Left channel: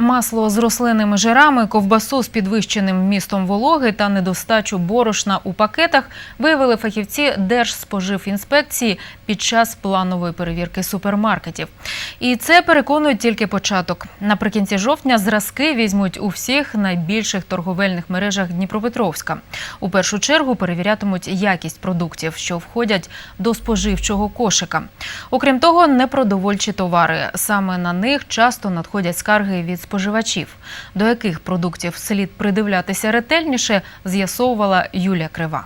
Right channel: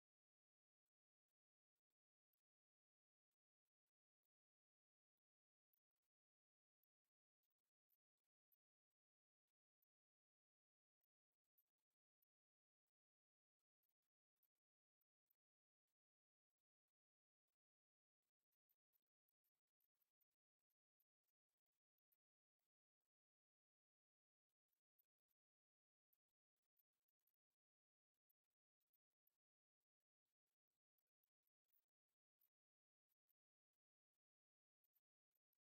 Масло з рослинними жирами, ковбасу з підвищеним вмістом вологи та недостачу борошна у пакетах виявили фахівці Держспоживінспекції під час планової перевірки супермаркетів. І це переконують тільки початок. Наприкінці жовтня зразки візьмуть у всіх найбільших торговельних мережах Дніпропетровська. У першу чергу перевірятимуть якість продуктів, що входять до споживчого кошика. Окрім того, непродовольчі товари. Саме на них часто надходять скарги від споживачів. До яких продуктів слід придивлятися ретельніше, з'ясовувала Юлія Крива.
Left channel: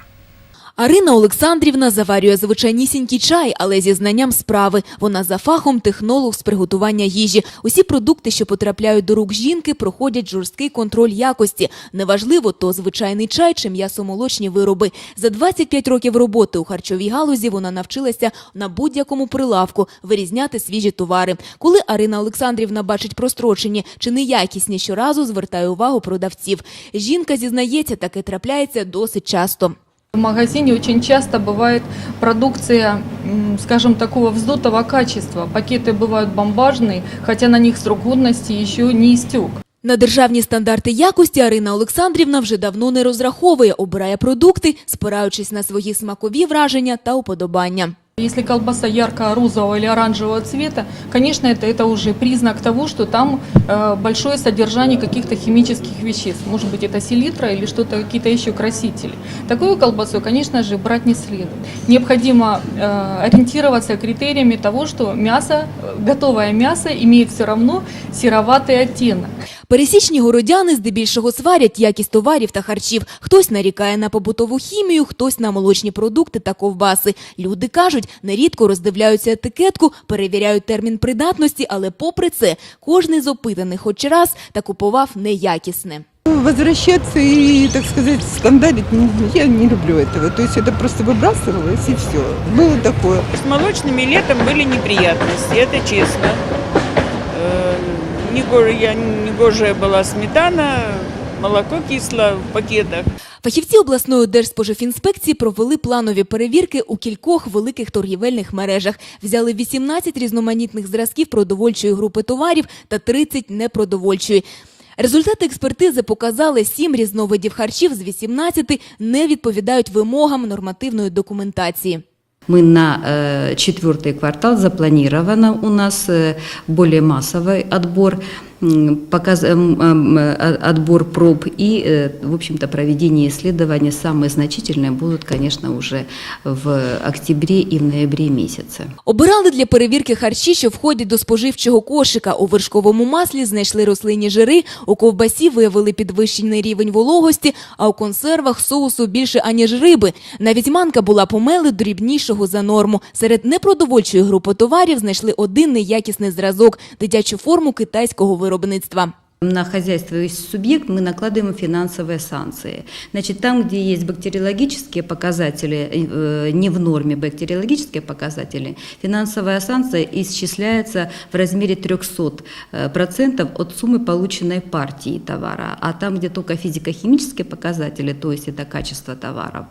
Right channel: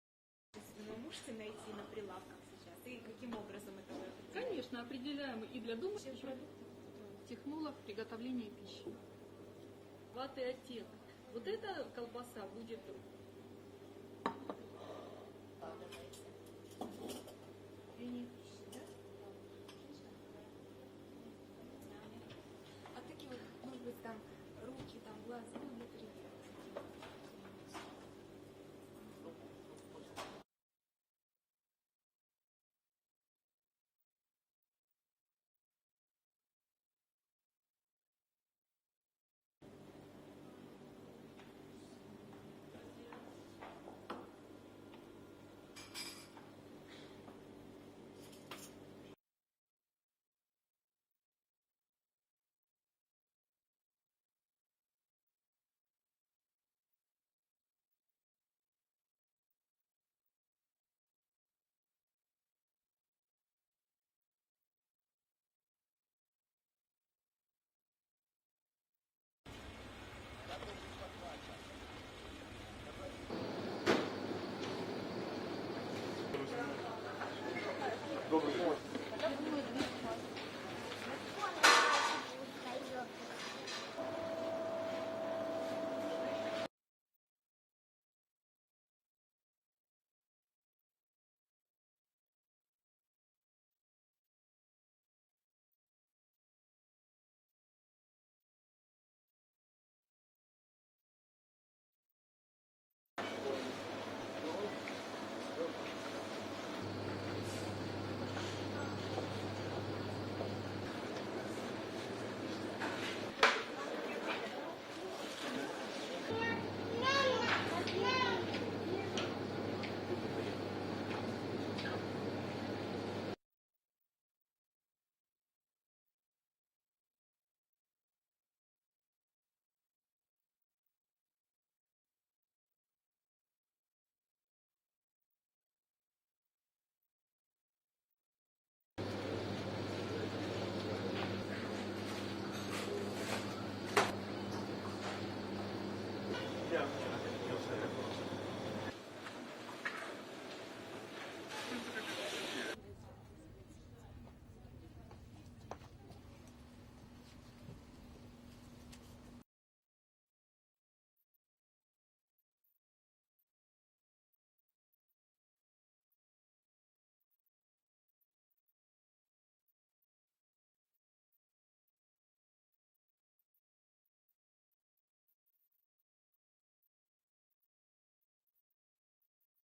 Арина Олександрівна заварює звичайнісінький чай, але зі знанням справи. Вона за фахом технолог з приготування їжі. Усі продукти, що потрапляють до рук жінки, проходять жорсткий контроль якості. Неважливо, то звичайний чай чи м'ясомолочні вироби. За 25 років роботи у харчовій галузі вона навчилася на будь-якому прилавку вирізняти свіжі товари. Коли Арина Олександрівна бачить прострочені чи неякісні, щоразу звертає увагу продавців. Жінка зізнається, таке трапляється досить часто. В магазине очень часто бывает продукция, м, скажем, такого вздутого качества. Пакеты бывают бомбажные, хотя на них срок годности еще не истек. На державні стандарти якості Арина Олександрівна вже давно не розраховує, обирає продукти, спираючись на свої смакові враження та уподобання. Если колбаса ярко-розового или оранжевого цвета, конечно, это, это уже признак того, что там э, большое содержание каких-то химических веществ. Может быть, это селитра или что-то, какие-то еще красители. Такую колбасу, конечно же, брать не следует. Необходимо э, ориентироваться критериями того, что мясо, э, готовое мясо имеет все равно сероватый оттенок. Пересічні городяни здебільшого сварять якість товарів та харчів. Хтось нарікає на побутову хімію, хтось на молочні продукти та ковбаси. Люди кажуть, нерідко роздивляються етикетку, перевіряють термін придатності, але попри це, кожний з опитаних хоч раз та купував неякісне. Возвращаться и, так сказать, скандалить, не- я не люблю этого. То есть это просто выбрасывалось и все. Было такое. С молочными летом были неприятности, это честно. Э, него- я- Негожая была сметана, молоко кисло в пакетах. Фахівці обласної держспоживінспекції провели планові перевірки у кількох великих торгівельних мережах. Взяли 18 різноманітних зразків продовольчої групи товарів та 30 непродовольчої. Результати експертизи показали, сім різновидів харчів з 18 не відповідають вимогам нормативної документації. Мы на э, четвертый квартал запланировано у нас э, более массовый отбор, м, показ, эм, эм, э, отбор проб и, э, в общем-то, проведение исследований. Самые значительные будут, конечно, уже в октябре и в ноябре месяце. Обирали для перевірки харчі, що входять до споживчого кошика. У вершковому маслі знайшли рослинні жири, у ковбасі виявили підвищений рівень вологості, а у консервах соусу більше аніж риби. Навіть манка була помели дрібнішого за норму. Серед непродовольчої групи товарів знайшли один неякісний зразок – дитячу форму китайського виробництва. виробництва. На хозяйствующий субъект мы накладываем финансовые санкции. Значит, там, где есть бактериологические показатели, э, не в норме бактериологические показатели, финансовая санкция исчисляется в размере 300% процентов от суммы полученной партии товара. А там, где только физико-химические показатели, то есть это качество товаров,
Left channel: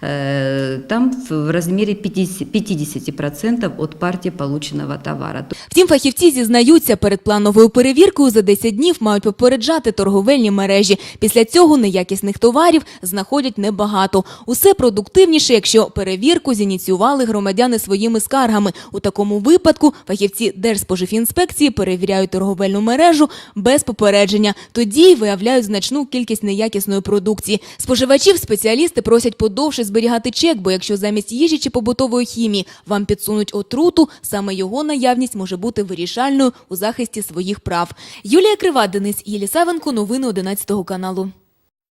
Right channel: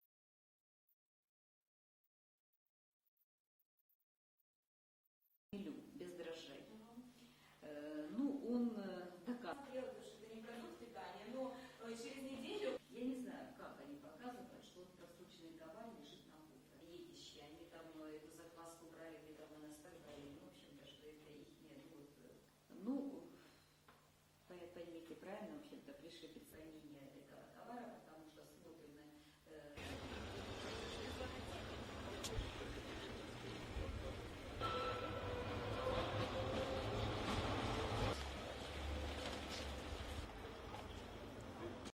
э, там в размере 50%, 50% от партии полученного товара. Втім, фахівці зізнаються, перед плановою перевіркою за 10 днів мають попереджати торговельні мережі. Після цього неякісних товарів знаходять небагато. Усе продуктивніше, якщо перевірку зініціювали громадяни своїми скаргами. У такому випадку фахівці Держспоживінспекції перевіряють торговельну мережу без попередження. Тоді виявляють значну кількість неякісної продукції. Споживачів спеціалісти просять подовше зберігати чек, бо якщо замість їжі чи побутової хімії вам підсунуть отруту, саме його наявність може бути вирішальною у захисті своїх прав. Юлія Крива, Денис Єлісавенко, новини 11 каналу.